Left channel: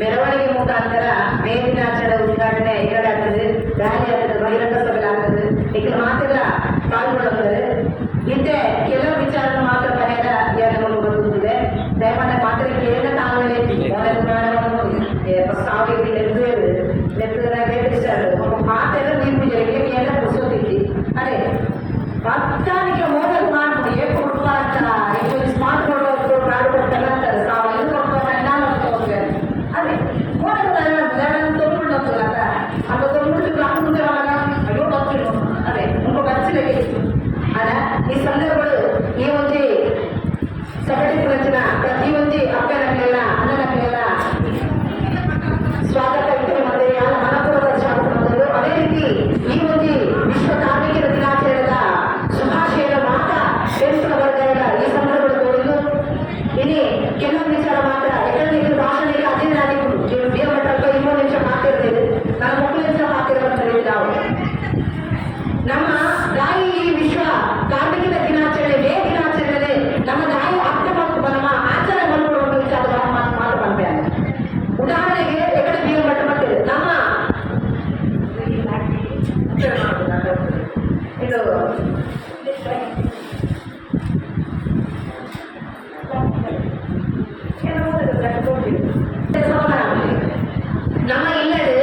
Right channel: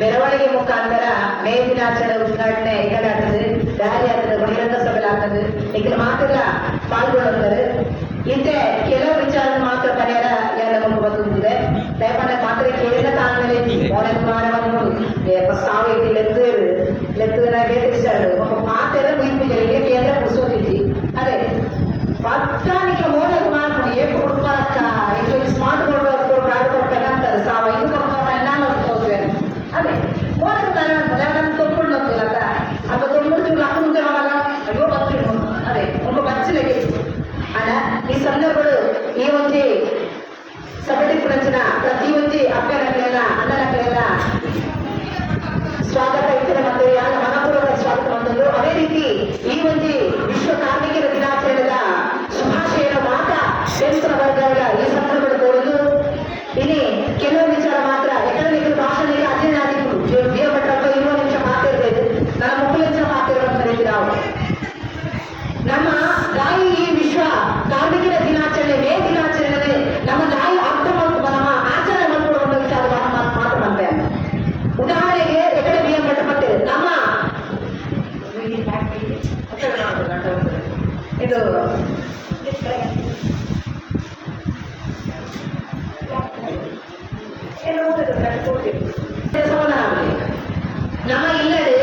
ಮೆರವಣಿಗೆ ಮುಖಾಂತರ ಮೇ ದಿನಾಚರಣೆ ಉದ್ಘಾಟನೆ ಈ ಕಡೆ ಆಗ್ತದೆ, ರ್ಯಾಲಿ ಆಗ್ತದೆ, ಬಹಿರಂಗ ಸಭೆ ಆಗ್ತದೆ. ಈಗ ಮಾತೆಲ್ಲ ಪಾಲ್ಗೊಳ್ಳುತ್ತಾರೆ. ಇಂತೆ ಕೆಲವು ವಿಚಾರ ಮಾತ್ರ ಪರಿಹಾರ ನಮಗೆ ಬದುಕಿದೆ. ದಯಮಾಡಿ ಮಾತ್ರ ಕೇಳಿದ ತಾಂಗಲೇ ಸಾವು ಲೆಕ್ಕದ ಬೇಟಿಸ್ತಾడు ఒక మాటలు వీపుజేయండి కేంద్ర పుస్తకం అదే పత్తానికి మోడల్ మాటలు ఏ పుట్టాక ఇప్పుడు స్మార్ట్ బోర్డు కాడుకుంటారంటారు సావు ఎందుకు అదే మోడల్ తొమ్మిది కదా అంత తొమ్మిది రాకుండా అయ్యో బతుడు అదే ఇంకో బచ్చలకి అలా ఈ సందర్భంలో ఈ వచ్చి సగటికి వచ్చిన ప్రతి వచ్చి అక్కడకైనా అన్నలకైనా ಸ್ವಾಗತ ಮನಪೂರ್ವಕ ಸ್ವಾಗತ ಬಂದರು. ಅದೇ ರೀತಿ ಈ ಒಂದು ವಿಶ್ವ ಕಾರ್ಮಿಕರ ದಿನಾಚರಣೆದ ಶುಭಾಶಯದ ಮಾತ್ರ ಕೇಂದ್ರ ವರ್ಗಗಳ ಈ ಸಂದರ್ಭ ತೋರುದು. ಇಲ್ಲಿ ಕೆಲವು ವಿಚಾರ ಮಾತ್ರ ಯಾಕಂದ್ರೆ ಭಾಷಣ ಅದೇ ಭಟ್ಟ 20 ನಿಮಿಷ ಮಾತಿರ್ತದೆ, ನಾನು 30 ನಿಮಿಷ ಮಾತಿರ್ಬಂದ್ರೆ ನಾವು ನಮ್ಮ ತಾಯಿ ಈ ವಿಶ್ವ ಕಾರ್ಮಿಕರ ದಿನಾಚರಣೆ ಮೇ ದಿನಾಚರಣೆ ನಮ್ಮ ತಾಯಿ ಅರ್ಥ ಮಾಡ್ಕೊಂಡು ನಮ್ಮ ಆಚರಣೆ ಮಾಡ್ಕೊಳ್ಳೋ ವಿಚಾರದ ಮಾತು ಬಂದೆ. ಉದಾಹರಣೆಗೆ ನಮ್ಮ ಇದು ನಮ್ಮ ಇಲ್ಲದೆ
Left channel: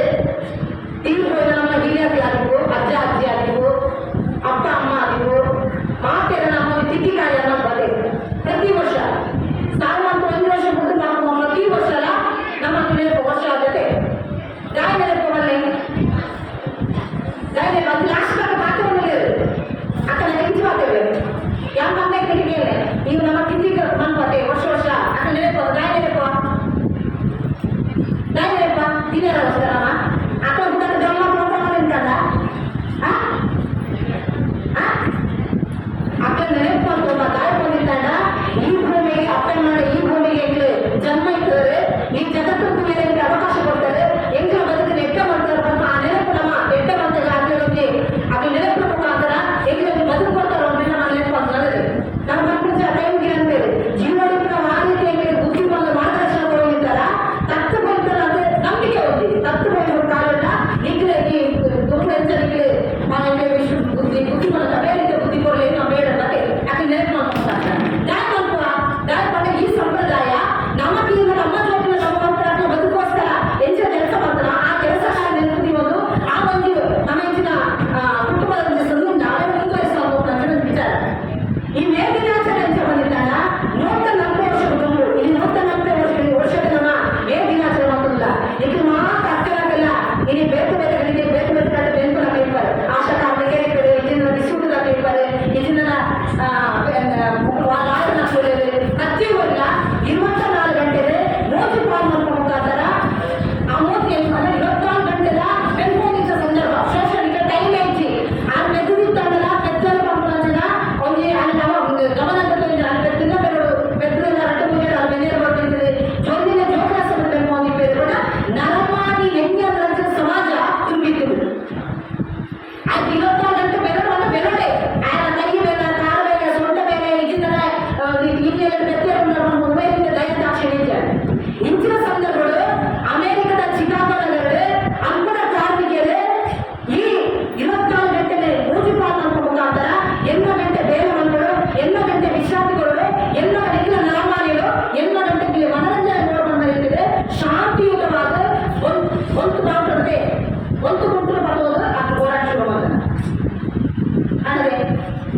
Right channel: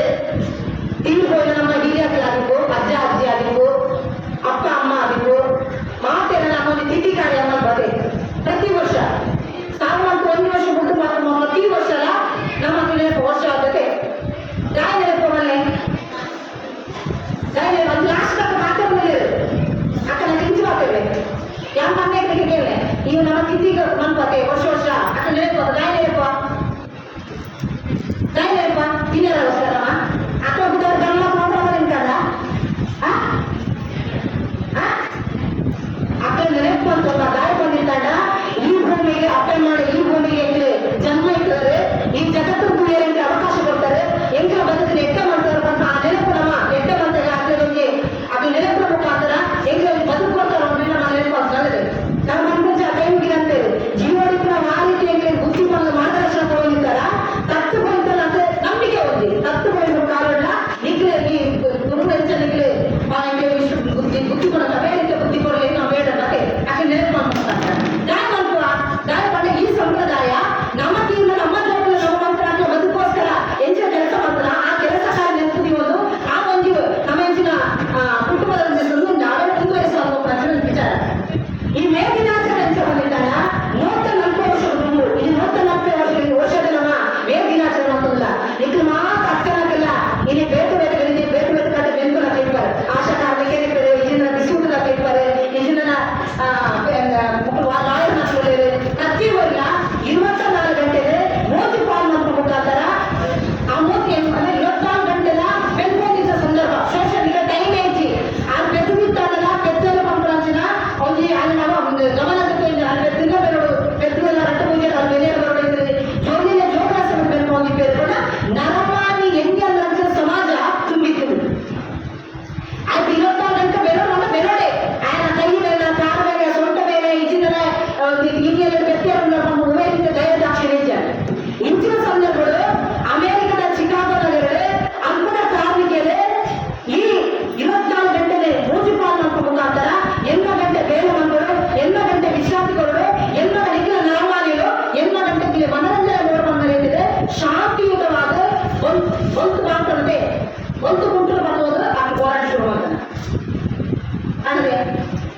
ತೀರ್ಪೋಯ್ದ ನಮ್ಮ ಹಿರಿಯರಾಗಿರ್ಬೋ, ಅಜ್ಜ ಅಜ್ಜಿ ಆಗಿರ್ಬೋ, ಅಪ್ಪ ಅಮ್ಮ ಆಗಿರ್ಬೋ, ಮಾತೆಲ್ಲ ನಮ್ಮ ತಿಥಿ ಕಾರ್ಯ ಬದೇ ಪ್ರತಿ ವರ್ಷ ಸಾವಂತ 1 ವರ್ಷ ಮುಂದೆ ಪ್ರತಿ ವರ್ಷ ನಮ್ಮ ವರ್ಷ ಆಗುತ್ತೆ. దాని పోవాలి దాని అది లాస్ట్ దాకా మాత్రం లేదు అక్కడ నుంచి మాత్రమే ఎంతనే తిరిగి ఇవి ನಮ್ಮ ತಿಥಿಗೆ ಬಂದ್ಬತ್ತೆ ವರ್ಷ ವರ್ಷ ಅక్కడ ನೆನಪು ದಾಯಿನೇಪ ತಿನ್ನರ ವಸ್ತರಮ್ಮ ಅಕ್ಕ ಉತ್ತರ ಗಮನ ಮಾತ್ರ ನಿಂತಲ್ಲ ಅಕ್ಕ ನೆನಪು ಅಂತ ದಾಯ ಬಂದಿದ್ದಾಡ ಈ ಭೂಮಿಗೆ ಅಪ್ಪನ ಈ ಭೂಮಿಗೆ ಜನ್ಮ ಇಟ್ಟರೆ ಈ ಜಗತ್ತು ಬೇರೆ ಅವಕಾಶ ಕೊಡ್ತಾರೆ. ಎಂಗಳ ಬದುಕಿನ ಎಟ್ಟ ಮಾಡ್ತಾರೆ ಆ ನೆನಪು ನಮ್ಮ ಎಟ್ಟ ಮಾಡ್ತಾರೆ ಆಗ್ಲೇ ಅದು ನೆನಪು ಮುಖಾಂತರ ಎಂಗಳಲ್ಲಿ ಬದುಕುವಂತಾರೆ ನಮ್ಮ ನೆನಪು ಅಂತ ಹೇಳಿದೆ. ನಮ್ಮ ಮನಸ್ಸು ಆ ಟೈಮ್ಗೆ ಅಂತೇಳಿ ಜೀವನಕ್ಕೆ ನಾವು ಆ ರೀತಿಯಲ್ಲಿ ಬುದ್ಧಿಮಾನ ಮಾರ್ಗದರ್ಶನ ಕೊಡೋದಿದ್ದಾರ ತತ್ತು ಬಂತಲ್ಲ ಅಂದ್ರೆ ನಂಬಿಕೆ ಹೋಗಿ ತತ್ತು ಬಂದ ಕಾರಣ ನಿಗ್ಲೆ ಈ ಗುರು ನಿಗ್ಲೆ ಬುದ್ಧಿಮಾನ ಬೇರೆ ಬುದ್ಧಿ ಕೊಡಲಿ ನಾವು ಬೇಡ ಮತ್ತೆ ಯಾಕೆ ನೆನಪು ಮಾಡ್ತಾರೆ ದಾಯ ಮಾಡಿ ಈ ಸಂಪ್ರದಾಯ ನಮ್ಮ ತೀರ್ನ ನಮ್ಮ ಜವಾಬ್ದಾರಿ ನಮ್ಮ ಮಂತ್ರ ಬದುಕೋಸ್ಕರ ಎಂಚ ಕೆಲಸ ಮಾಡ್ತಾರ ಆ ಕೆಲಸ ನೆನಪುದಿವೊಂದು ಆ ಒಂದು ನಮ್ಮ ಹೆಚ್ಚಿನ ಕುಟುಂಬದ ನಾವೇ ಮುಂದುವರಿಸುವ ಪ್ರಚನೆ ವಿಚಾರ. ಈ ಮೇ ದಿನಾಚರಣೆ ಎಂಚ ಬಂದಿದ್ದಾನ 140 ವರ್ಷದ ತುಂಬು ಇಲ್ಲಿ 140 ವರ್ಷದ ನಮ್ಮ ಮೇ ದಿನಾಚರಣೆ ಮಾಡೋದಿಲ್ಲ ಈಗ ಮಾತ್ರ ಅಕ್ಕಲಾಗಲ್ಲ ಇಲ್ಲಿ ಬೇರೆ ಬೇರೆಗಳಿಗೆ ಬೇರೆ ಬೇರೆ ಕಡೆ ಬೆಂಬಲ ಕೇಳ್ತಾರೆ. ಆಶಾ ಕಾರ್ಮಿಕರೇ ಇದನ್ನ ಬಿಸಿಯೂಟದ ಕೇಳ್ತಾರೆ, ಇದನ್ನ ಲಾಯರ್ನ ಕೇಳಿವೆ. ಪ್ರತಿಯೊಬ್ಬರ 24 ಗಂಟೆಗೆ ಮೋದಿ ಪಾಲ್ ಮಾಡ್ಕೊ ಮುಖಾಂತರ ಆ ಮೋದಿ ಅಂದ್ರೆ 24 ಗಂಟೆಲ ಬೆಂಬೋದಿದ್ದ ಸಂದರ್ಭ ಸೋಷಿಯಲ್ ಈಗ ಟೈಮ್ ಐತಿ ಆ ಬೆದ್ದಿದ್ದಾಡಲ್ಲ ಬೆದ್ದಲು ಮಾಡ್ಕೊಳ್ಳೋದಿನ ಒಂದು ಅಲ್ಲಿ ನಾವು ಗಮನ ಬೆದ್ದಿನ ಬೇರೋಡು ಬೆದ್ದೆಲ್ಲ ರಟ್ಟು ಮುಗಿದ ಬೆಲೆ ಬರ್ತಿದ್ರೆ ಜೋಡಿನ ಜೋಕಾಸನ ಬೆಂಬೋದಿ ಬೇರೆ ಕೂಡ ನರಮಾನಿ ಹೆಂಗೆ ಲಂಚ ಸಮಾಜ ತುಂಬಿತ್ತು. ಅದು 24 ಗಂಟೆ ಬೇರೋಡು ನಮ್ಮ ಬೇರೋಡೆ ಆಯ್ನ ಕೈ ಮೇಲೆ ಕಾಲ ಮೇಲೆ ಸೊಂಟ ಮೇಲೆ ಇಜಿನ ಇಲ್ಲಿ ಬೆತ್ತೆ ಉಮೇರಿಂದ ದಯದಾಕ್ಷಿಣ್ಯ ಇಂಚಿನ ಸಂದರ್ಭಗಳು ಅಮೆರಿಕದ ಚಿಕಾಗೋದಲ್ಲಿ ಅಂಬಡ ಕಾರ್ಮಿಕರು ಈ 24 ಗಂಟೆಗೆ ಮೂಜಿ ಪಾಲ್ ಮಾಡ್ಕೊ ಮುಖಾಂತರ 8 ಗಂಟೆ ಬೇರೆ ಮಂಗಳು 8 ಗಂಟೆ ವಿಶ್ರಾಂತಿಗಳು 8 ಗಂಟೆ ನಾರ್ಮಾಲಿಗಳು 8 ಗಂಟೆಗೆ ಮನರಂಜನೆ ನೋಡ್ಕೊಂಡ್ಬಂದಿದೆ. ಶಾಂತಿಯುತವಾದ ಒಂದು ಮಾತ್ರತೆ ಒಂದು ಗುಂಟು ಬರುವುದು ಅದು ಹೋರಾಟ ಶುರು ಮಾಡ್ತಾರೆ. ಅಂದ್ರೆ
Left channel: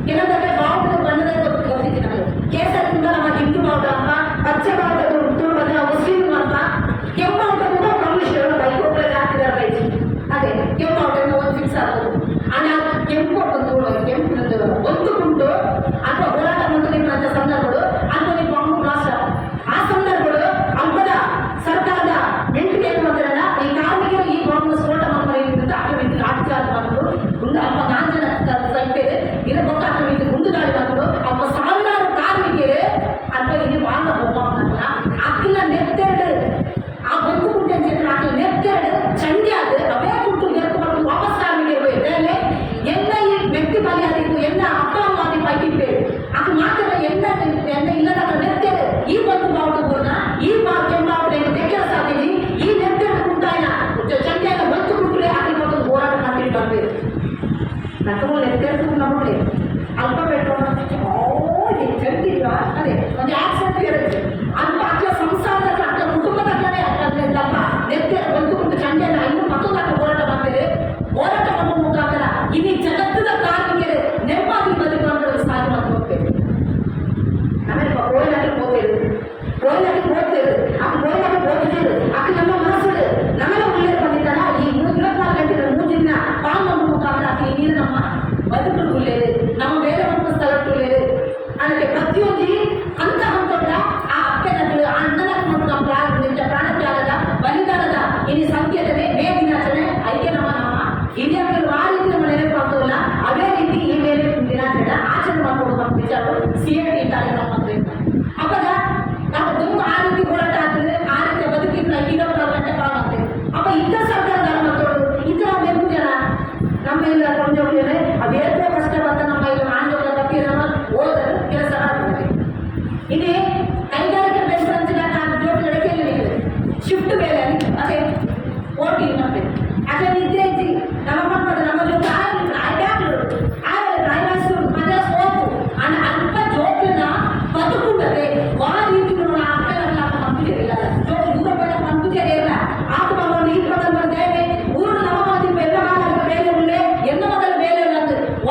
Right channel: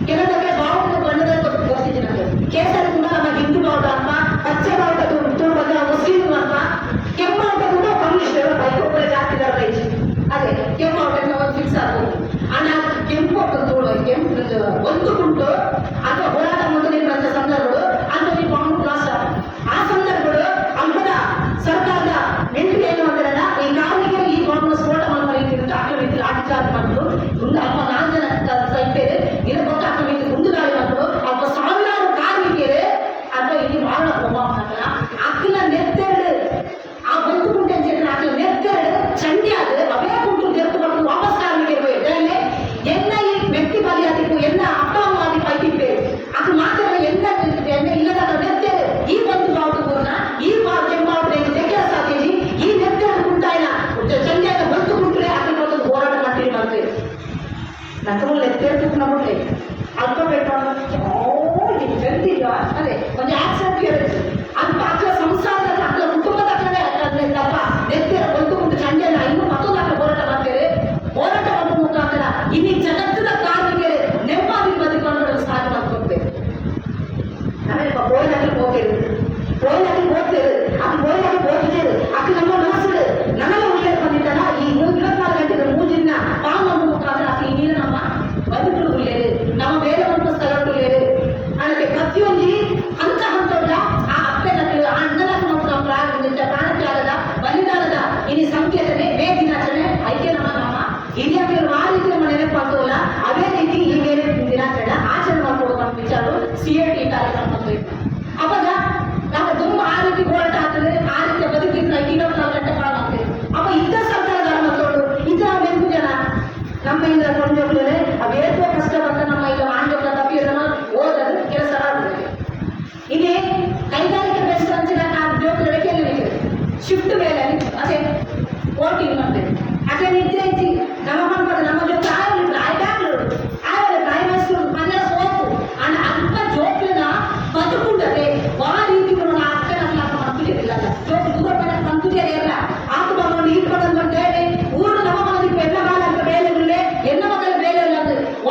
ಕೆಲವೊಂದು ಬಾವುಟದ ಬಣ್ಣದ ಗೊತ್ತಿದೆ ನಮಗೆ ಕೇಸರದಿಂದ ನಮ್ಮ ಹಿಂದೂ ಬಾವುಟ ಅಂತ, ಪಚ್ಚ ಬಾವುಟ ಮುಸ್ಲಿಂ ಅಂತ, ಕೆಂಪು ಬಾವುಟದಿಂದ ಕಮ್ಯುನಿಸ್ಟರು ಬೈಕೋಗಳ ಜಾತಿ ರೈಸ್ ಅದೇ ಕೆಂಪು ಬಾವುಟದಿಂದ ಒಂದು ಫಿಕ್ಸ್ ಆಗ್ಬೋದು. ಆನ ಕೆಂಪು ಒಂದು ಗುಂಟು ಅಥವಾ ಹೋರಾಟ ಮಂತ್ರಿಗಳಂತ ಸಂದರ್ಭಗಳು ಅಂತ ಬಾಂಬ್ ಮಾಸ್ಟರ್ ಆ ಸಂದರ್ಭಗಳು ಹಬ್ಬದ ಸರ್ಕಾರದ ಮಿಲಿಟರಿ ಏನು ಮಾಡ್ತಾರಲ್ಲ ಈ ಕಾರ್ಮಿಕರು ಈ ಬಾಂಬ್ ಸ್ಫೋಟ ಮಾಡ್ಕೊಂಡು ಆಟೋ ಆಚಾರ ಮಾಡಿದ್ರು ಮುಂದೆ ಹಬ್ಬ 4 ಜನ ಸಂಖ್ಯೆ ಇರೋ ಗೊತ್ತಾಗ್ತದೆ ಮುಂದೆ ಇಲ್ಲಿ మీరు ಆ ರೀತಿ ನಮ್ಮ ನೆನಪಾಗ್ತವಲ್ಲ ಅದೇ ರೀತಿ ಈ ಬೇರೆ ದಿನಾಚರಣೆ ಆಚರಣೆ ಮಾಡ್ಕೊಡುವ ವಿಚಾರ CAT ಕಾರ್ಯಕ್ರಮ ಅವಾಗ ನಾವು ತುಂಬ ಆ ರೀತಿ ಹೋರಾಟ ಆಗ್ತದೆ ಆ ರೀತಿಯ ಬದುಕಿನ 24 ಗಂಟೆ ಕಾಲಾಗ್ತದೆ ಅಪ್ಪ ಇಂಥ ಸರ್ಕಾರದ ಮಕ್ಕಳು ಇದ್ರ ಬೇಕು ಜನ ನಮ್ಮ ಇಲ್ಲ ಕೊಂಡೋಗ್ಲಿದ್ರೆ ಅದೇತೋ ಕಷ್ಟವಾದ ನಮ್ಮ ಇಲ್ಲ ಮಾಂಡೋಗ್ಲ ತಪ್ಪಿರೋಣ ಓದೋದು ಕೆಲಸ ಆಗ್ತದೆ ಇಲ್ಲಿ ಕೈಗಾರಿಕೆ ಬೆಸ್ಟ್ ಅಂಚಿನ ಜೋಕ್ ಎಡಕೆಯಲ್ಲಿ ಶಿಫ್ಟ್ ಮೇಲೆ ಅದೇ ಓಟಿ ಮಾಡ್ಬೇಕು ಅದೇ ನಿದ್ದೆ ಐತಿ ನಮ್ಮ ಮಕ್ಕಳು ನಮ್ಮ ಜೊತೆ ಆಗಲ್ಲ ಪ್ರೈವೇಟ್ ಮನೆ ಸೋಪು ಅಣ್ಣ ಅಲ್ಪ ಜೋಕ್ಲಿನ ಬದುಕುಂಡದೆ ಆ ರೀತಿ ಅಕ್ಕನ ಮಂತುಜರಿಲ್ಲ ಜೋಕ್ ದೂರ ಪಡ ಮಂತುಜರಿ ಇಲ್ಲ ಆತ ಮಗಳು ಈ ಪದ ಬಂದೇವೆ ಊರು ನಮ್ಮ ಮನೆಗೆ ಬೆನ್ನ ಮಾಲ ಬೇರೆ ಉಳ್ಳೆ ಎನ್ನ ಮಗಳ ಬೇರೆ ಇಲ್ಲ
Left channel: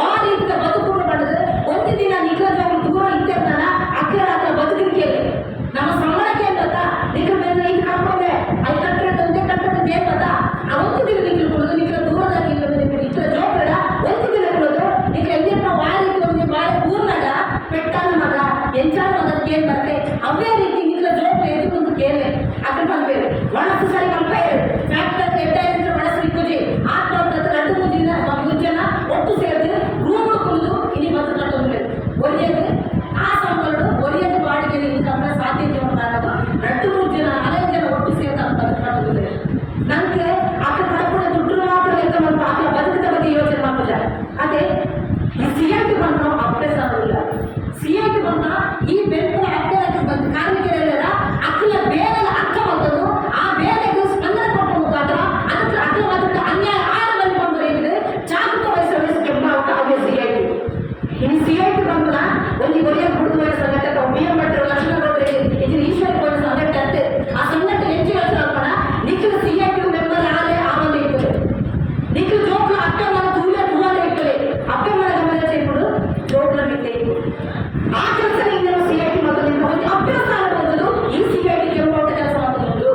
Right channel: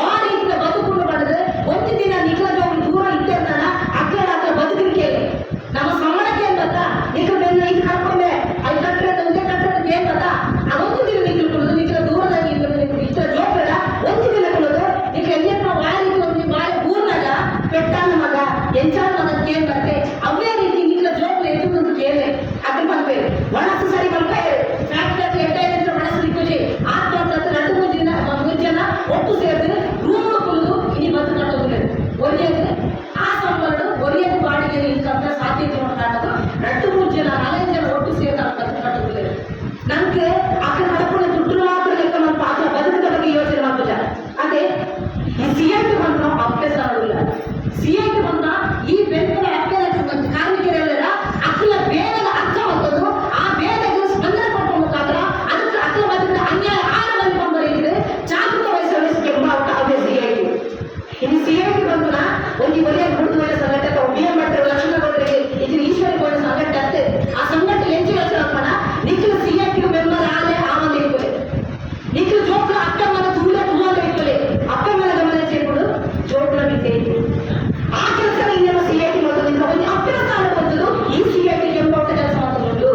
ಆ ರೀತಿಯ ಬದುಕು ಮಾಡಿದ್ರೆ ಒಂದು ದಿನ ನಿಖಲ ಜೋಕ್ ದೂರ ಇದ್ದೇರ್ತಾನ ಅಕ್ಕರ ಆತ ಬದುಕಿಗೆ ನಮ್ಮ ಸಂಬಳಕ್ಕೆ ಏನ್ ಗೊತ್ತಾ ನಿಖಲ ಬೆನ್ನ ಇದು ಕರ್ಕೊಂಡೆ ಅಲ್ಲಿ ಕಟ್ಟಡ ಒಂದೇ ಕಟ್ಟಡ ಏನ್ ಗೊತ್ತಾ ಅದೊಂದು ದಿನ ನಿಖಲು ಕೊಡೋದು ನಿಖಲ ದೂರದಲ್ಲಿ ಇತರ ಜೋಕ್ರ ಒಂದು ದಿನ ಕೊಡೋದು ನಿಖಲ ಎಲ್ಲಿಯಪ್ಪ ವಾರಿಗೆ ಒಂದು ಬಾಳೆ ಊರ್ನಾಗ ಪೆಟ್ಟಾನ ಮಗ ಎಂಚಾನ ಮಗಕ್ಕೆ ಏನ್ ಬರ್ತದೆ ಅವೇ ರೀತಿ ನಿಖಲ ಜೋಕ್ರ ಎದು ಒಂದು ಕೇಳಿ ಅದ್ರ ಬಂದ್ಬೇರೆ ಮನಸ್ಸು ಸರಿ ಬಂದ್ಬೇರೆ ಫ್ಯಾಕ್ಟರಿ ಎಡ್ಡ ಮನಸ್ಸು ಪೂಜೆ ಆತ್ಮಹತ್ಯೆ 2-3 ಜನ ಒಟ್ಟು ಸೇರಿದ್ರೆ ರೂಮ್ ಕುಳಿದು ಇಡೀ ಬದುಕು ಕಟ್ಟೋದಿಲ್ಲ ಒರಿಯದು ಆ ಸಂಬಳಗಳು ಒರಿಯದು ಬಾಡಿಗೆ ಇಂತ ಸಾಧ್ಯತೆ ಕಾರಣದು 2-3 ಜನ 4 ಜನ ಒಟ್ಟು ಸೇರಿದ ಬದುಕು ಕಟ್ಟೋದಿಲ್ಲ ನಮ್ಗೆ ಆತ ಕಡಪುಣ ದುಡ್ಡು ಮಾತ್ರ ಲೆಕ್ಕ ನಮ್ಮ ಆತ ಬದುಕದ ಬಗ್ಗೆ ಯೋಚನೆ ಮಾಡೋಲ್ಲ ಅದೇ ಈ CAT ಬಂದ ಅಭ್ಯಾಸ ಆಗೋಲ್ಲ CAT ಬಂದ ಈ ಬೆಂಬಲ ಅಭ್ಯಾಸ ಬಂದು ಕಾರ್ಮಿಕರೆಲ್ಲ ಅಕ್ಕಲ ಬೇರೆ ಅರ್ಥ ಬಂದದ್ದು ಆ ಬೇರೆಗೆ ಸ್ಪಂದನೆ ಕೊಟ್ಟ ಮುಖಾಂತರ ಅದಕ್ಕೆ ಅಕ್ಕಲ ಬದುಕಿನ ಅನ್ಯಾಯ ಆಳವಾಗಿ ಬಂದರೆ ಜಾಗೃತ ವಹಿಸಲಿಕ್ಕೆ ಅವೇ CAT ಇನ್ನು CAT ಬಂದ ಒಂದು ಬರಿಯ ಗುರುದ್ವಾರ ಸಂಘಟಕ BM ಲಕ್ಷ್ಮಣಗೌಡರಿಗೆ ಇದು ಈಶ್ವರ ಕೋಣೆ ಸಂಘಟನೆ ಆ ಸಂಘಟನೆ ಹೆಚ್ಚು ಯೋಚನೆ ಹಾಕೋಣ ನಿಖಿಲ CAT ಮೆಂಬರ್ ಆಲೆ ಆಮೇಲೆ ಇರ್ತದೆ ನಿಖಿಲ ಜೋಕ್ಲ ಅಕ್ಕ ಮನ ತುಳಲೆ ಇರ್ತದೆ ಅಕ್ಕ ಮನ ಗಮನ ಸೇರ್ಕೊಂಡು ಜೋಕ್ಲ ಬಿದ್ದೆ ಆ ಕೆಲಸ ನೀವು CAT ಮಾಡೋದ್ರಿಂದ ಒಂದು ಅಭ್ಯಾಸ ಅನ್ನೋದು ಈ CAT ಕೆಂಪೌಟ ಕೆಲಸ ಮಾಡೋದು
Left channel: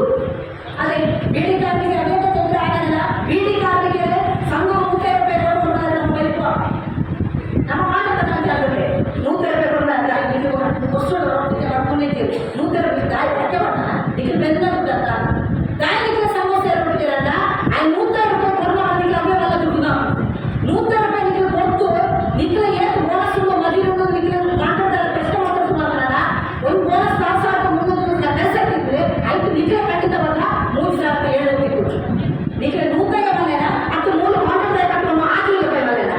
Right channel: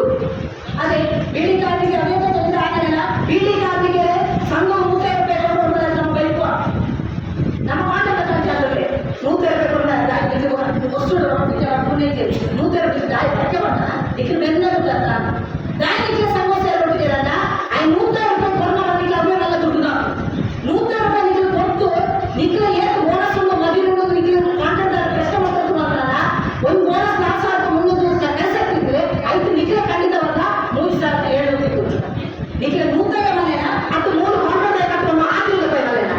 ಅದೇ ಬಿಡಿ ಕಾರ್ಮಿಕ ಅದೇ ತೊಂದರೆ ಆಗಲ್ಲ ಬಿಡಿ ಕಾರ್ಮಿಕ ಸಂಘ 30 ರೂಪಾಯಿ ಕೊಡುವಂತ ನಮ್ಮ ಬೈಕು ನಮ್ಮ ಮಾಟಕ ಜಾಗಕ್ಕೆ 30 ರೂಪಾಯಿ ಕೊಡ ವಸ್ತು ಮಾಡ್ಕೊಂಡಿದ್ದೀವಿ 100 ರೂಪಾಯಿ ದಾಯಿ ಪಕ್ಕ ಮಾಡ ಇದಕ್ಕೆ ಬೆನ್ನ ದಾಯಿಗೆ ಸಮಸ್ಯೆ ಇರೋದಿಲ್ಲ ಐ 100 ರೂಪಾಯಿ ಕೊಡ ಮಾಡಿಲ್ಲ ಅವರೆಲ್ಲ ದುಡ್ಡು 100 ರೂಪಾಯಿ ನಿಖಿಲ್ ಕೊಟ್ಟು ನಿಖಿಲ್ ಏನು ಬೋನಸ್ ಮದುವೆ ನಿಖಿಲ್ ಕಾಂಟ್ರಾಕ್ಟರ್ ಕಷ್ಟ ಮಾಡೋದು ಮಾಡಲ್ಲ ಒಂದು ಬೋನಸ್ 4,300 ಕೆಲಸ ಇದ್ರೆ ಆಯ್ತು ನಿಖಿಲ್ ಖಂಡಿತವಲ್ಲ 3,000 ಹೇಳೋದಿತ್ತು ನಿಖಿಲ್ 100 ಮನೆನ ಅದು 3 ಕಾಂಟ್ರಾಕ್ಟರ್ ಕಟ್ಟುವ ಆಗಿಲ್ಲ ಮನೆನ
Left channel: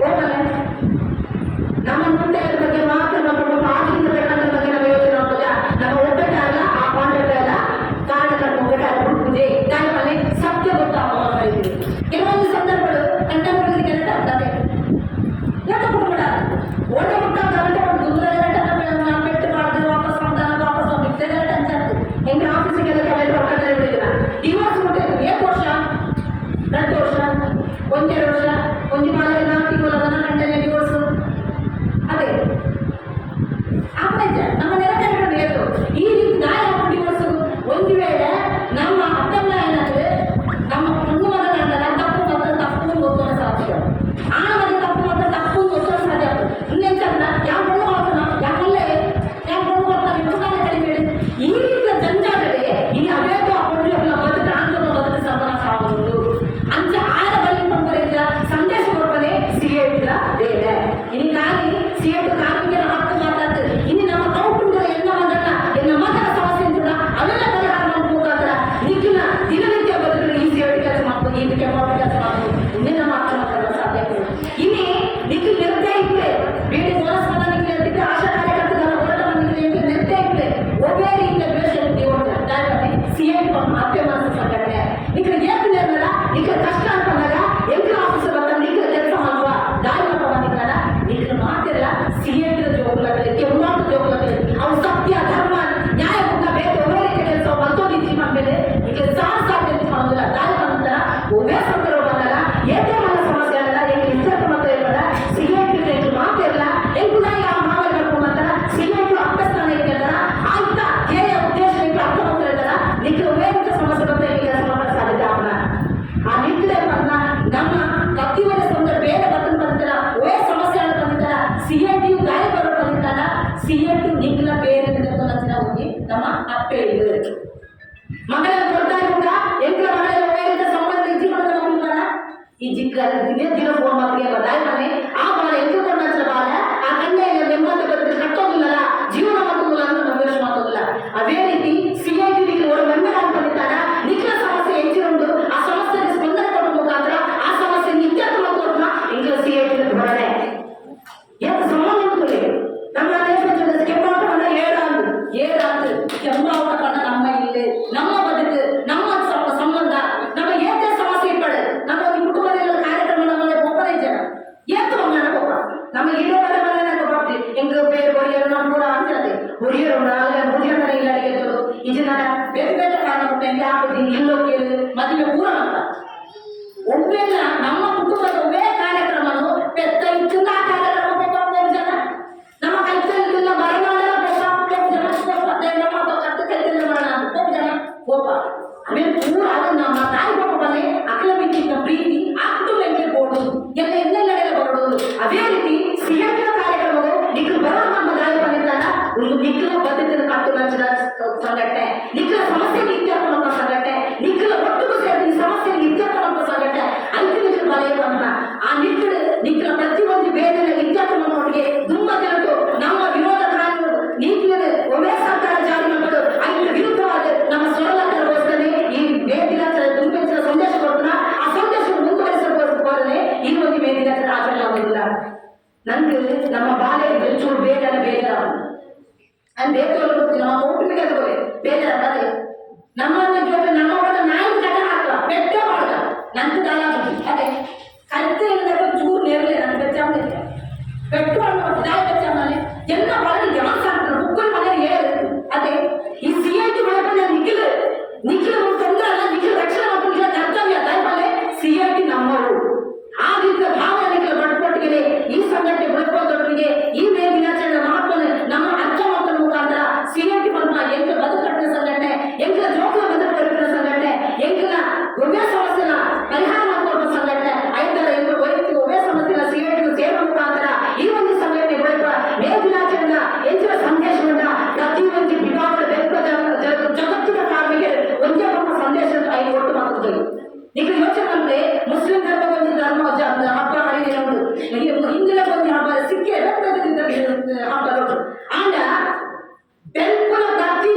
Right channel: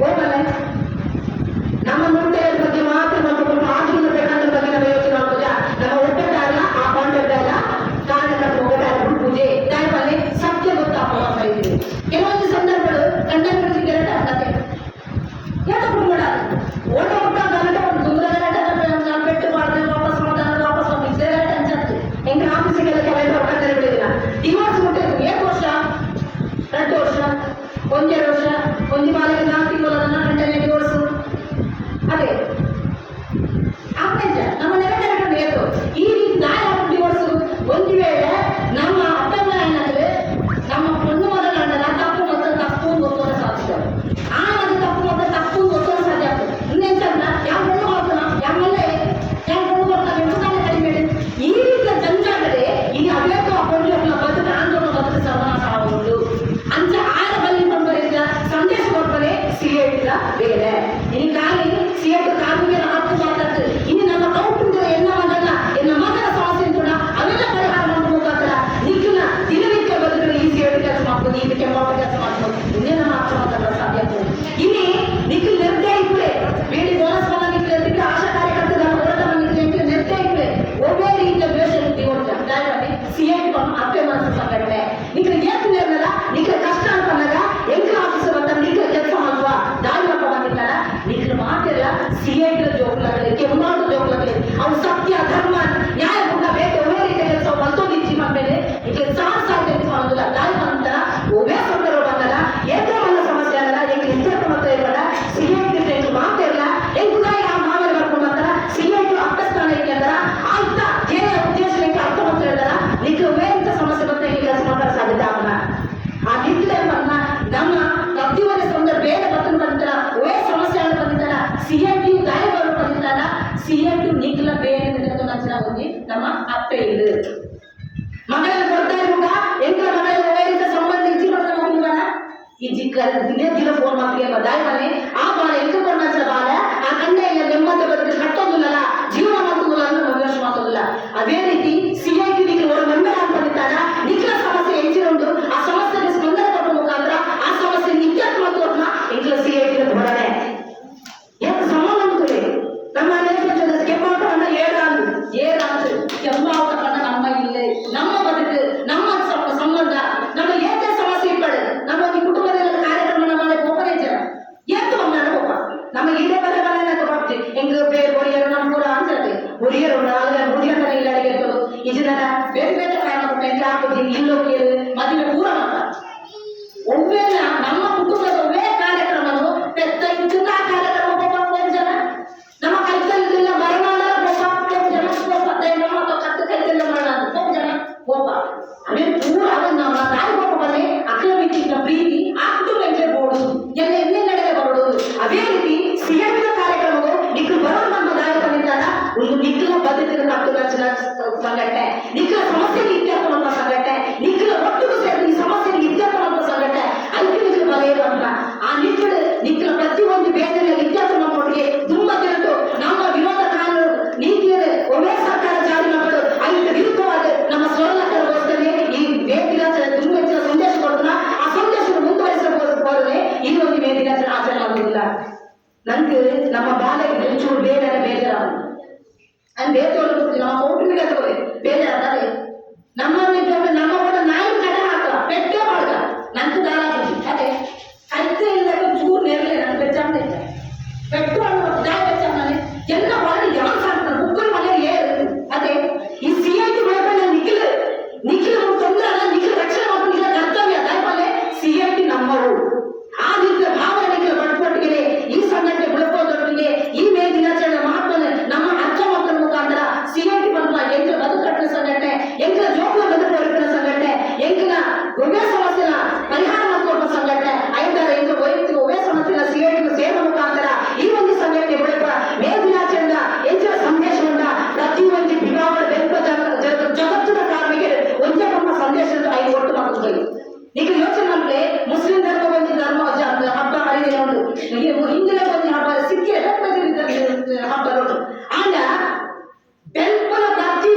ಹೋಗಲ್ಲ ನಮ್ಮ ಮುಂದೆ ಬಗ್ಗೆ ಮಾತ್ರ ನಮ್ಮ ಆಗಿನ ಬೇಕಂತ ಬಗ್ಗೆ ನಾವು ಯೋಚನೆ ಮಾಡ್ಬೋದ ನಮ್ಮ ಒಬ್ಬಟ್ಟಾಗಲ್ಲ ಆ ಕಾಂಟ್ರಾಕ್ಟ್ ಅಲ್ಲ ಕಾರ್ಯಕರ್ತ ಹೋಗಲ್ಲ ಪೂಜೆ ದಾಯಿಮನೆ ಸತ್ಯ ಗೊತ್ತಾಗ್ತಾ ಇದ್ದೀವಿ ಕೆಲವೊಂದು ಸಂದರ್ಭಗಳು ಕಂಡಪಡಿಸಿ ಕೆಲಸ ಆಗ್ತದೆ ಯಾಕೆ ಬಿಡ್ಬೇಡ ಒಳ್ಳೆ ಮಕ್ಕಳ ಗಮನ ಒಂದು ದುರ್ಗದ ಪೆಟ್ಟು ಮಾಡಿದ್ರೆ ವಾಪಸ್ ಹೋಗಿದ್ದೆ ಅನ್ಸತ್ತು ಹೆಂಗೆ ಆಫೀಸಿಗೆಲ್ಲ ಕೆಲಸ ಹೊರಗಡೆ ಬಿಡಿಲ್ಲ ಡಿವೋರ್ಸ್ ಕೊಟ್ಟಿದ್ದು 7 ವರ್ಷ 2 ವರ್ಷ 1 ವರ್ಷ ಒಂದು ಬಾಲಿಗೆ 4 ತಿಂಗಳ ಗಂಟೆ ಡಿವೋರ್ಸ್ ಅದೇ ಅಪ್ಪಂಜ ನಮ್ಮ ನೆರೆಕರೆಗಳು ಏತು ಈ ರೀತಿ ನಾಯಿ ಡಿವೋರ್ಸ್ ಒಂದು ವೇಳೆ ನಮ್ಮ ಅಪ್ಪಮ್ಮ ಏನಾದ್ರೆ ನಮ್ಮ பொண்ணு ಮಗನ ತಪ್ಪು ಮತ್ತು ತಪ್ಪು ಗೊತ್ತೋದ ಸಾಧ್ಯ ಆ ಮಗ ತಪ್ಪು ಮತ್ತು ತಪ್ಪು ಗೊತ್ತೋದ ಸಾಧ್ಯ ಇನ್ನೇಂತಂದ್ರ ಯಾವ பொண்ணு ಮಾಡ್ತಾನ ಯಾವಲ್ಲೇ ಯಾವ பொண்ணು ಮಾಡ್ತಾನೆ ಎಂಬುದಾನೆ ಕಡಿಮೆ ಈ ರೀತಿಯ ಜಂಜಾಟದೆ ಇನ್ನು ಅವೇತು ಅಪ್ಪಂಜು ಅಲ್ಲ ಬದುಕು ಆಂದೋಲನ ಬದುಕು ಸರ್ವನಾಶ ಆಗುವುದು ಅಂತ ಆದ ಬಲ್ಲಿ ಬಂದವರಿಂದ ಸಂದೇಶ ಕೊಡ್ತಾರೆ CAT ಬೇರೆ ಇನ್ನು ಖಾಲಿ CAT ಕಾರ್ಮಿಕರ ಹಕ್ಕು ಮಾತಾಡ್ತದೆ ಇನ್ನು ನಮ್ಮ ಕೌಟುಂಬಿಕ ಎಲ್ಲ ಮಗನ ಎಲ್ಲ ಮಗನ ಸಮಸ್ಯೆ ಅಂತ ಅವೆಲ್ಲ ಪರಿಹಾರ ಮಾಡ್ಕೋಬೇಕಾದ್ರೆ ನಿಖಿಲ ದಿನನಿತ್ಯ ಬದುಕಲು ಈ CAT ಕೆಲಸ ಮಾಡ್ಬೋದು ಈ ಕೆಂಪಾಟ ಕೆಲಸ ಮಾಡ್ಬೋದು ಇನ್ನೇನ ಮಾತ್ರ ಮಾತಾಡೋ ಸಾಧ್ಯ ಇಲ್ಲಿ ನಿಖಿಲ್ ನಿರ್ದಯ ಇದ್ರೆ ಬೇಡಿ ಬೋನಸ್ ಮನ ನಿಖಿಲ್ ಇರ್ತಿದ್ರೆ ಆಶಾ ಕಾರ್ಯಕರ್ತರ ಹೋರಾಟ ನಿಖಿಲ್ ನಿರ್ದಯ ಇದ್ರೆ ಒಬ್ಬೇ ರೀತಿಯ ದ್ವೇಷ CAT ಅತ್ತೆ ಮನಸ್ಸು ಸಂಘಟನೆ ನಿಖಿಲ್ ಏಕೆ ನಿರ್ಣಯ ನಿಖಿಲ್ ಕಷ್ಟ ಅನ್ಕೊಂಡಾಗ ಎಂಟು ಆಫೀಸರ್ ಬಂದಾಗ ನಿಖಿಲ್ ಕೆಲಸ ಮಾಡುವ ದಾರಿ ಬಂದಿದ್ದಾರ ನಿಖಿಲ್ ಮಾತಿಲ್ಲ CAT ಜೋಗ್ಲಾಗಲಿ ಕೆಂಪಾಟ ಜೋಗ್ಲಾಗಲಿ ಅವ್ರು ಸತ್ಯ ಧರ್ಮ ನ್ಯಾಯ ಕೂಡ ಬೇಕು ಒಬ್ಬೇ ರೀತಿಯ ಕೆಲಸ ಬಂತೋದಿಚ್ಚಿ ಮಾಡ್ಮೇಲೆ ನಿಖಿಲ್ ಸಾಹಸ ಕೆಲಸ ಮಾಡೋದಿಲ್ಲ ದಾರಿ ಬಂದ ಒಬ್ಬೇ ಸಂದರ್ಭ ಬಂದಾಗ ಏಕೆ ಮನ ಸಮಸ್ಯೆ ಅಲ್ಲ ಎಂಗೆ ಇಂಜಾತ ಮತ್ತೆ ಇರಲ್ಲ CAT ಮಾತಿಲ್ಲ ಎಂಬುದಾಗಿ ಆ ಮಾವೇ ಬರ್ಕೊಂಡು ಬರ್ತಾರ CAT ಅಭ್ಯಸ್ಥಾನ ಇದೆ ಅಂತಾರ ಆಯ್ತಾ ಏನೇ ಉದ್ದೇಶ ಅರ್ಥ ಅಂತ ಹೇಳ್ತಾರ ನಿಖಿಲ್ ಒಬ್ಬೇ ಇಂಥ ಸಮಸ್ಯೆ ಬಂತ ಈ ಕೆಲಸ ಮಾಡೋ ಸಾಧ್ಯತೆ ಆಗಲ್ಲ ಆ ನಿಖಿಲೇ ಬಂದ ನಮ್ಮ ಪ್ರತಿಯೊಂದು ಸಂದರ್ಭ ಬೇರೆ ಬರ್ತಂತ ಬಂದಿಲ್ಲ ಒಬ್ಬೇ ಸಮಸ್ಯೆ ಬಂದಿದ್ದಾರ CAT ದಾರಿ ಬರೋ ಬಂದಿದ್ದಾರ CAT ನಿಖಿಲ ಬೇರೆ ನಚ್ಚಿನ ಹೋಗಿ ನಮ್ಮ ಅಪ್ಪೆ ಇಲ್ಲ ಮಕ್ಕಳನ್ನ ಕೊಡ್ತಾ ಇರುವಾಗ ಎಂಕಲ ಮಕ್ಕಳ ಒಬ್ಬೇ ಸಂಬಂಧ ಇಚ್ಚಿ ಮಾಡಿದ ಮಕ್ಕಳು ಈ ದಿನ ಫೋನ್ ಮಾಡ್ತೀಯ ಬದಾಯಿ ಮನೆ ಆ ಬಾಳ ಎತ್ತುಕೊಂಡ ಬಾಳ ಆ ಕಣ್ಣೆಲ್ಲ ನೆಮ್ಮದಿ ಬದುಕು ಕಟ್ಟೋದಿಲ್ಲ ಜೀವನ ಮಾಡೋದಿಲ್ಲ ಅಂತ ನಾವು ಯೋಚನೆ ಮಾಡೋದಿಲ್ಲ. ಅದೇ ರೀತಿ ಸಿಐಟಿ ಒಂದು ಮೆಂಬರ್ ಅಂತ ಬಂದಿದ್ದಾರ ನಿಖಿಲ ಸಮಸ್ಯೆ ಹೆಚ್ಚಿನೊಂದು ಆ ಸಮಸ್ಯೆಗೆ ಸ್ಪಂದನೆ ಕೊಡುವ ಮುಖಾಂತರ ಆ ಸಮಸ್ಯೆ ನಿತ್ಯಕ್ಕೆ ಮಾಡೋದ್ನ ಇಂಗ್ಲ ಸಿಐಟಿ ಹೊರಡೆ ಎಷ್ಟು ಸಮಾನ ನಮ್ಮ ನೇತೃತ್ವದ ಕೆಂಪಾವಟ ಏರಾದು ಕೆಂಪಾವಟ ನಮ್ಮ ಇಲ್ಲೇ ನಮ್ಮ ಬದುಕು ನಮ್ಮ ಸಂಬಂಧ ನಮ್ಮ ಏನೇ ಸಮಸ್ಯೆ ಇಪ್ಪಡು ನಮ್ಮ ಕುಟುಂಬದಲ್ಲಿ ಕಾರ್ಯಕ್ರಮ ನಮ್ಮ ಒಬ್ಬರೇ ಜನ ಏತು ಬಂದ ನಮ್ಮ ಇದೇ ಮನೆ ಮನೆ ಬರ್ತೀವಿ ಹೆಂಗ ಬೇರೆ ಹೊರಿಯರು ನಮ್ಮ ಕೂಡ ಅನ್ಸತ್ತೆ ಹೊರಿಯರು ಮುದಿಯಂತನೇ ಇಲ್ಲ ಅಡಿಗೆ ಇದನ್ನ ಬೇರೆ ಬೇರೆ ಕಾರಣ ಹೆಂಗೆ ಹಾಕೋದು ಇಲ್ಲೋಗಿ ಮದುವೆ ಪೂರ ಅಂತ ಒಮ್ಮೆಲ್ಲ ನಮ್ಮ ಕುಟುಂಬದ ಒಮ್ಮೆ ಕಾರ್ಯಕ್ರಮವನ್ನು ಪೆತ್ತ ಇದನ್ನ ಆ ಕಾರ್ಯಕ್ರಮ ಹೋಗೋ ಜನ ನಮ್ಮ ಕೈತಲ್ಲಿಲ್ಲ ಮರನಾಡ ಜನ ನಮ್ಮ ಕತ್ತು ಕೈತಲ್ಲ ಮರಣ ಹೋಗ ಜನ ಹೋಗ ಆಮೇಲೆ ಪೂರ ಅದನ್ನ ನಮ್ಮ ತಾಯಿ ಹೋಗಬಲ್ಲೇ ಅಕ್ಕಲ ಬಿಟ್ಟಿದ್ದ ಪ್ರೀತಿ ಆ ಕುಟುಂಬ ಎಂಟ್ರೆ ಬೋಡು ಎಲ್ಲ ಎಲ್ಲೆಲ್ಲೆಡೆ ಬರೋದು. ಅದೇ ರೀತಿ ಸಿಎಂನ ಕಾರ್ಯಕ್ರಮಗಳು ನಿಖಿಲ ಬರೋ ನಮ್ಮ ದಾರಿ ಬಂದಿದ್ದಾರ ಒಂದು ನಿಖಿಲ ಬದ್ಧತೆ ಮತ್ತು ರಚನ ಸಂಘಟನೆ ನಿಖಿಲ ಸಮಸ್ಯೆ ಇತ್ಯರ್ಥ ಮಾಡುವ ಸಂಘಟನೆ ನಿಖಿಲ ಒಟ್ಟಿಗೂ ಸೇರಿ ಈ ಸಮಸ್ಯೆ ಇತ್ಯರ್ಥ ಮಾಡುವ ಸಂಘಟನೆ ಐಕ್ಯ ಬರೆಯುವ ಆ ನಿಖಿಲ ಪ್ರತಿಯೊಂದು ಬೇರೆ ಇತ್ಯರ್ಥ ಮಾಡೋರಿಗೆ ತುಂಬ ಜನರು ನಮ್ಮ ವಿರೋಧ ಕಾನೂನು ನೀತಿಯ ಒಮ್ಮೆ ಸರ್ಕಾರ ಜಾರಿ ಮಾಡೋದು ಐಕ್ಯ ವಿರುದ್ಧವಾದ ನಮ್ಮ ಸ್ವರ್ಣಕರಗೋಸ್ಕರ ಈ ವೇದಿನ ದುರ್ಗತಿನ ಸಂದೇಶ ಕೊಡ್ತಾರ ಆ ಸಂದೇಶವನ್ನು ಮುಂದುವರಿಸಬಹುದಾದರೆ ಈ ಒಂದು ವೇದಿನ ಆಚರಣೆ ಮಾಡೋದಿಲ್ಲ. ನಂಗೆ ನಮ್ಮ ಬಾಲ್ಯ ಬೆಂಚೂರು ಬೇಡರ ಬೇಜಾರ ಅದು ಬೇತೋಳು ನಮ್ಮ ಕೌಟುಂಬಿಕ ಬೇಜಾರ ನಮ್ಮನ್ನು ನಮ್ಮ ನಾಯಿ ಕಡೆ ಹಾಕ ಬೆಟ್ಟ ಮಾಡ್ದ ನಂದು ದಾರ ಅದೇ ಕತ್ತೆ ಇಲ್ಲದ ಚೂರು ನೇರಲೆ ನನ್ನ ಬೆಚ್ಚ ಬೆಟ್ಟು ಮಾಡ್ಬೋದು ದಾಯ ಬೆಚ್ಚ ಮನೆ ಎಲ್ಲ ಒಳಗೆ ಯಾರು ಸಾಕ್ತಾರೆ ಮುಗ್ಗರು ಮನೆ ಏರು ಅದೇ ಈ ಸಿಐಟಿ ಬೆಳವಣಿಗೆ ನಿಖಿಲ ತೊಂದರೆ ಅಲ್ಲ ನಿಖಿಲ ರಕ್ಷಣೆ ಮಾಡ್ಕೊಂಡಿಲ್ಲ ಕರ್ತವ್ಯ ದಾಯ ಮನೆ ಸಿಐಟಿ ನಮ್ಮವರು ಆ ರೀತಿಯ ಭಾವನೆ ನಿಖಿಲ ಬಡ್ಪಟ್ಟಿಗೆ ಈ ಸಂಘಟನೆ ಬೆಳಕೋದೊಟ್ಟಿಗೆ ಈ ಮೇ ದಿನಾಚರಣೆ ಮಾಡ್ಕೊಂಡು ನಮ್ಮ ಅಜ್ಜ ಮಕ್ಕಳ ಮುಖಾಂತರ ಸಿಐಟಿ ಬಂದ ಎಂಟ್ಲ ಬದುಕಟ್ಟಿನ ಸಂಘಟನೆ ಎಂಟ್ಲ ಜೋಕುಲ ಬದುಕಟ್ಟಿನ ಸಂಘಟನೆ ಎಂಟ್ಲ ಒಬ್ಬೆ ಸಮಸ್ಯೆನ ಪರಿಹಾರ ಮಾಡುವ ಸಂಘಟನೆ ಐದರ ಎಂಟ್ಲ ವೈಯಕ್ತಿಕ ಒಬ್ಬೆ ಸಮಸ್ಯೆನ ಸಿಐಟಿ ಸೇರುವ ಮುಖಾಂತರ ಈ ಒಂದು ಸಂಘಟನೆ ಬೆಳಕ ಮೇ ದಿನಾಚರಣೆ ಎಂಚಿನ ಸಂದೇಶವನ್ನ ಪ್ರತಿಯೊಂದು ವಿಭಾಗದ ಬೆಳಕ ಜಗತ್ತಿನ ಕಾರ್ಮಿಕರು ಒಂದೇ ನಮ್ಮ ಸಂದೇಶ ಐದು ಒಟ್ಟು ಮಾಡುತ್ತದೆ. ಈಗ ಯೋಚನೆ ಮಾಡಿದ್ರೆ ಮುಸ್ಲಿಂ ಧರ್ಮ ಒಂದು ಧರ್ಮ ಹಬ್ಬ ಹರಿದಿನ ಉಂಟು ಹಿಂದಿನ ಒಂದು ಹಬ್ಬ ಸಿಕ್ಕಿ ಹಬ್ಬ ಆಂಡ ಬೆಲ್ಪನ ಪ್ರತಿ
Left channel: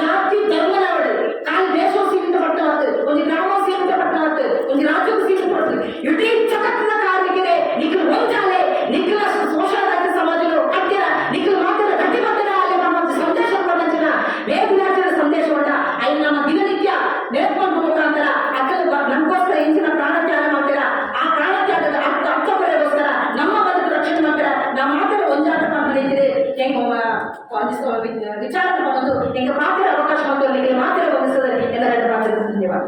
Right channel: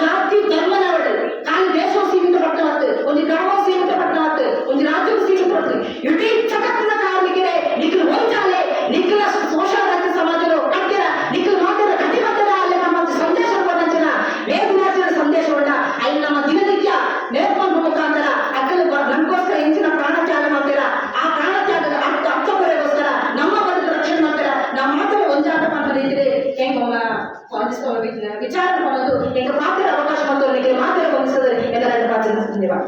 ಜಾತಿ ಧರ್ಮನವಳು ಕಾಲು ದೇಶವು ಸೀಮಿತ ಪಟ್ಟವಾಗ್ತದೆ ಒಂದು ಗ್ರಾಮವು ಸೀಮಿತ ಪಟ್ಟವಾಗ್ತದೆ ಒಂದು ರಾಜ್ಯವು ಸೀಮಿತ ಪಡ್ತದೆ ಇಡೀ ಜಗತ್ತಿನ ಕಾರ್ಮಿಕರೇ ನಿಖಿಲ ಒಂದಾಲೆ ನಿಖಿಲ ಶೋಷಣ ರಹಿತ ಸಮಾಜಗಳು ಕಟ್ಟಿರ ನಿಖಿಲ ಮಾತಿನ ಕಟ್ಟಿಬದ್ಧದ ಅಲ್ಲಿ ನಮ್ಮ ಸಂದೇಶವನ್ನು ಜನ ವೇದಿನಾಚರಣೆ ಸಂದೇಶವನ್ನ ಅಲ್ಲಿ ನಮ್ಮ ದಿನನಿತ್ಯ ನೆನಪು ಮುಖಾಂತರ ಅಕ್ಕಲು ನಮಗೋಸ್ಕರ ಇಂಚಿನ ಪ್ರಾಣತ್ಯಾಗ ಮಾಡ್ತೀರ ಆ ಪ್ರಾಣತ್ಯಾಗದ ಅರ್ಥಪರೆಗೋಸ್ಕರ ನಮ್ಮ ಬದುಕು ರಕ್ಷಣೆ ಮಾಡ್ತೀರ ನಮ್ಮ ಮಾತ್ರ ಒಂದಾಟ ಮಾಡ್ಕೊಂಡಿದ್ದೀರಿ ಹೆಂಗ ವಿಚಾರ ಮಾಡೋದು ಹೆಂಗ ಮಾತ್ರ ಅವಕಾಶ ಮತ್ತು ಮಾತ್ರ ಗಮನಿಸಿದರೆ ಎಲ್ಲರ ಪಾತ್ರ ಧನ್ಯವಾದ.